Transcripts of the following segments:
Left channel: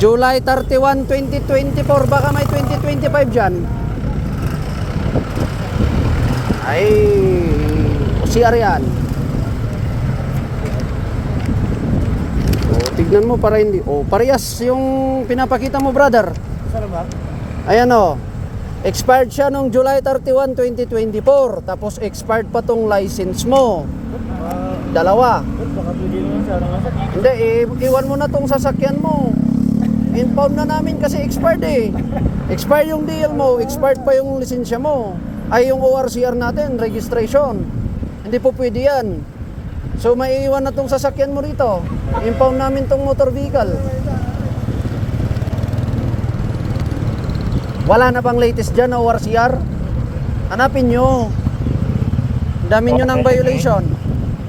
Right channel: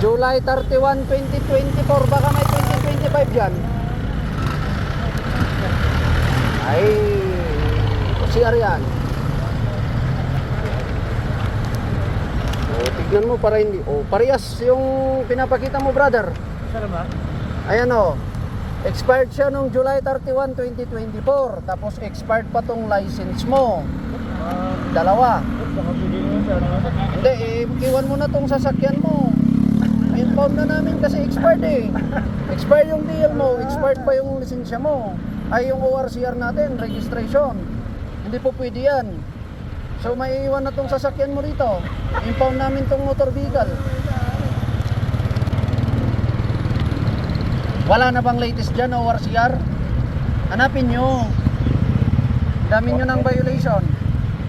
July 31, 2024. Baka may 2025 dyan. Ay, si Arian. So, tignan mo para hindi. Oh, parehas yung pinapakita mo, brother. Saan ba? Ayan o. Expired siya nung July 31, 2024. Tapos expired pa tong license mo. Dalawa. Baka pwede nyo sa ano. Hindi, iwan mo na tong sasakyan mo. Inform na namin kasi expired eh. Expired yung deal mo, expired pa yung lisensya mo. Ay yung ORCR natin, registration. Hindi po pwede yan. So maiiwan na tong sasakyan mo rito. Impound namin tong motor vehicle. Wala na bang latest dyan na ORCR? Hanapin nyo. Dami nyo ng violation.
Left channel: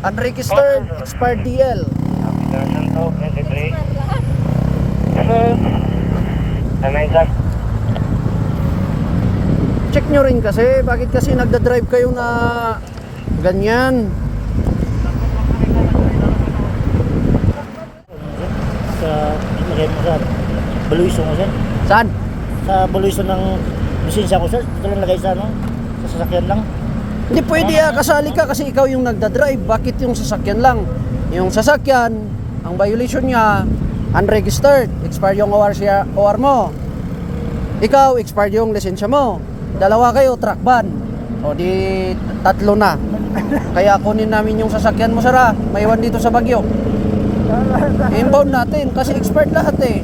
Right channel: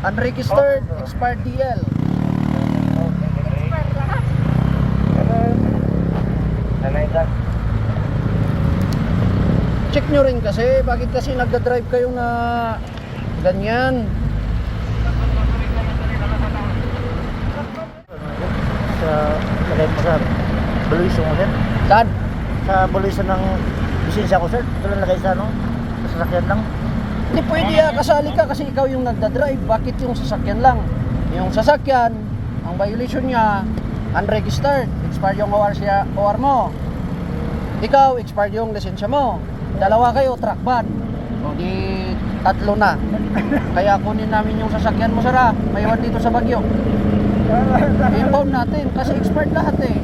Unregistered, expired DL. Check nyo rin kasi, bakit kasi nagda-drive kayo na ganyan? Sa baluiso mo, sir? Saan? Sa baluiso ng lisensya ko, sir? Ito lang lagay sa ano? Sa sasakyan lang? Hindi pwede kasali ka kasi ikaw yung nagda-drive. Bakit yung sasakyan lang? Yung sasakyan, ang violation niya, unregistered, expired yung OR mo. Ikaw, expired yung lisensya mo. Dalawa kayo, truck ban. O di tatlo na. Kaya kunin namin yung sasakyan mo, Sara. Maiwan dito sa Baguio. Inbound natin kasi expired lahat eh.